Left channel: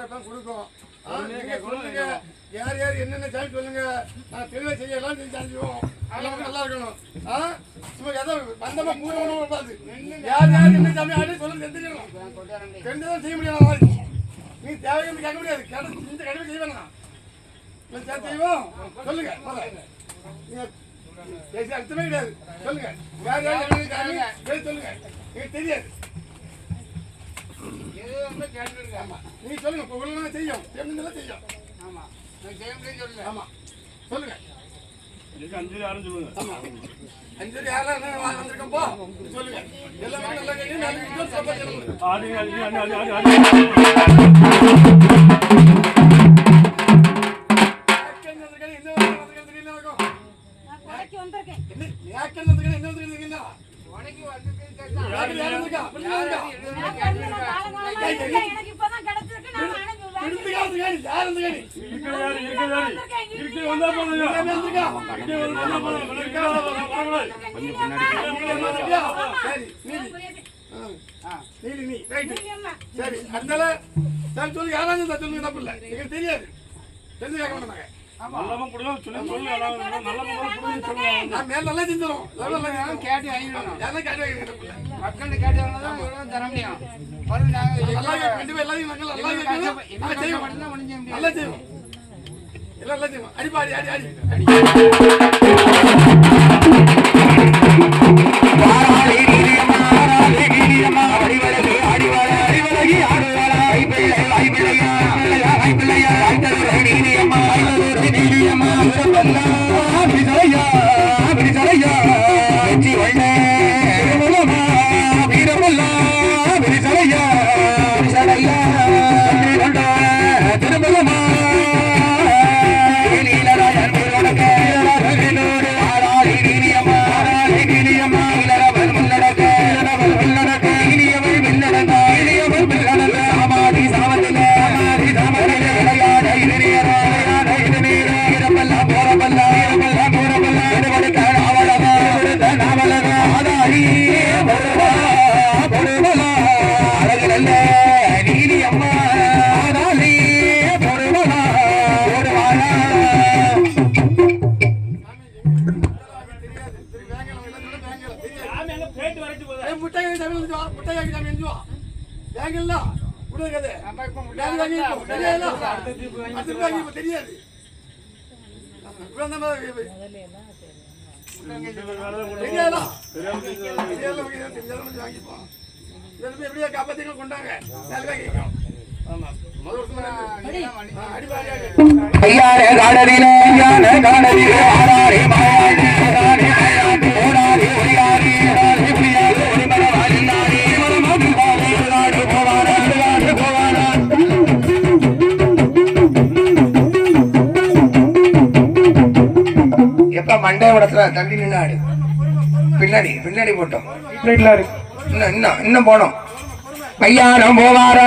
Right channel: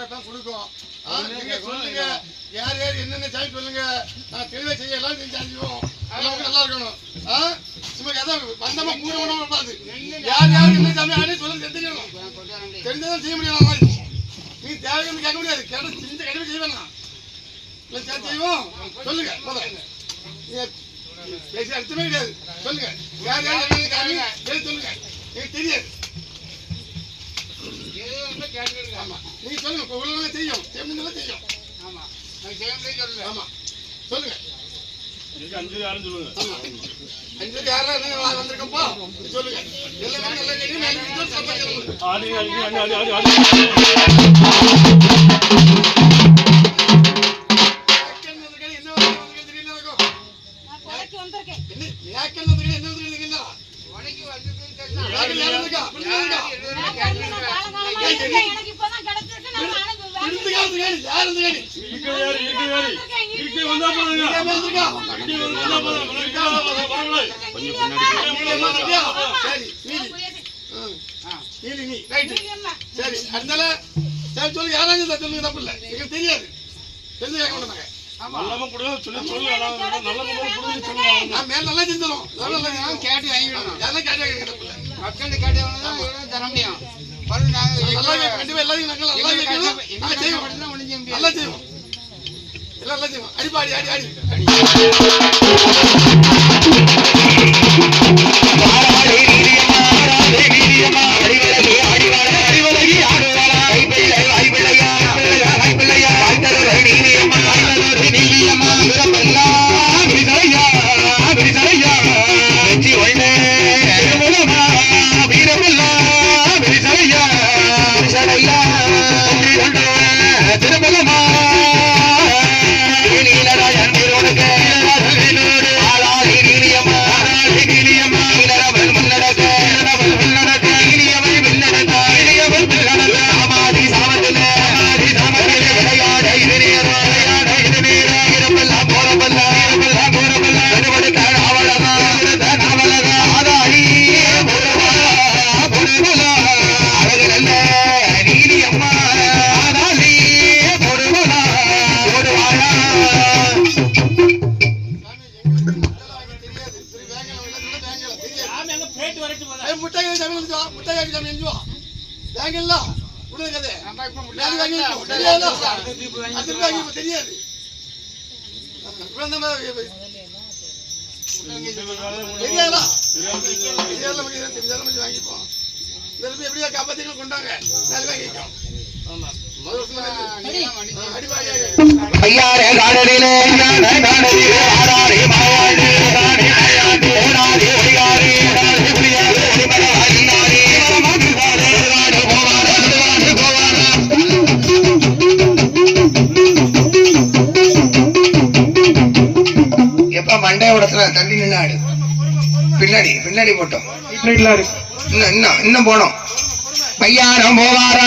கொடுக்கும். நீங்க சொல்லுங்க யார் யார் என்னென்ன சாமி சொல்லுங்க, நான் தெளிவாக செய்ய எல்லாம் செஞ்சு அனுப்பிடுவோம். எல்லாம் நல்லா இருக்கணும். சும்மா எதாவது வந்தமா பூர்வமாக பார்த்து யார் யார் என்ன சாமி ஆடி சொல்லுங்க தெரிஞ்சுக்கணும். தெரிஞ்சதான் செய்ய முடியாது. மாதிரி நீ தேவைன்னு கேட்க முடியாது. கேட்ட செஞ்ச கண்டிப்பாக செய்ய வேணாம். இல்லை செய்வோம் சொல்லுங்க. முதல்ல பேசி அர்த்தமே கிடையாது. சொல்லுங்க யார் யார் என்ன சாமி சொல்லுங்க. எனக்கு தெரியாது. ஆமா நீங்க சொல்லுங்க. இப்போ உள்ள செய்யும் செய்யணும் செய்யும். ஆமா நீங்க செய்ய சொல்லுங்க. ஆமா சொல்லுங்க. அஞ்சு யாரும் சொல்லுங்க. ஆமா அஞ்சு யாரா வந்திருக்கப்போ சொல்லுங்க. எல்லாமே நல்லா கேட்க மேல சொல்லுங்க. ஆடி ஆடி ஆடி ஆடி ஆடி சரி அதனால சரி சொல்லி யாராவது சொல்லுங்க. தப்பு இல்லை. எங்களுக்கு தெரியாது. தெரிஞ்சு கேட்க மாட்டாங்க. நல்லா செஞ்சிடும். கேட்டு வாங்கிடணும். மக்கள் கேட்டு தர முடியும். நல்லா செய்வோம். எல்லாம் நல்லா செய்வோம். அடிப்பாடி அடி அடி தெரியாது. எப்படியா காப்பாத்தி கொண்டாங்க. மண்டையோடத்துல தள்ளி நின்னாடு. பின்னாடி பின்னாடி போட்டோம். இன்னும் போனோம். பையாரம் போவாரா